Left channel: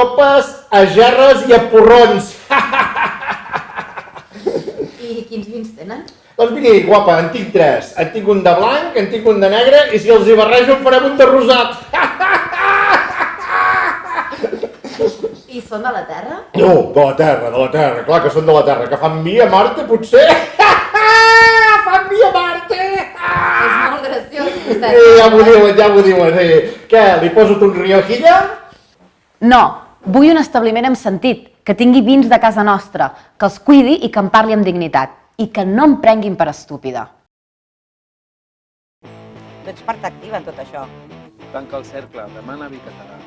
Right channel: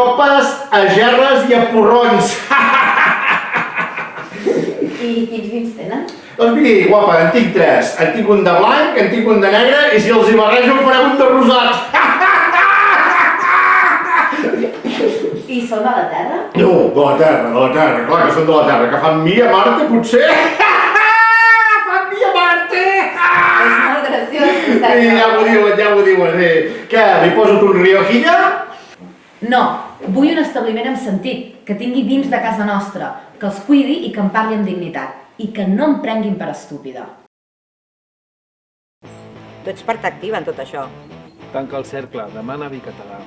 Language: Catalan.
copes, a gerres i a porrons. I quins vins tenen? Doncs miri, guapa, en tinc 3. En tinc un de blanc, en tinc un de negre i si els hi barrejo en farem un de rosat. I són de la terra? No, de la terra, clar que són de la terra. Que fan mi a Marte, potser? Fan mi a Marte! És molt graciós, vostè. Ja m'ho diuen. Què, li poso un riojilla? No, vull un establiment amb sentit, que tingui vins de casa nostra, que els cuidi i que em parli amb dignitat, i que no em prenguin per estúpida. Tu ets part activa en tot això. Tanca el cercle, demana vi català.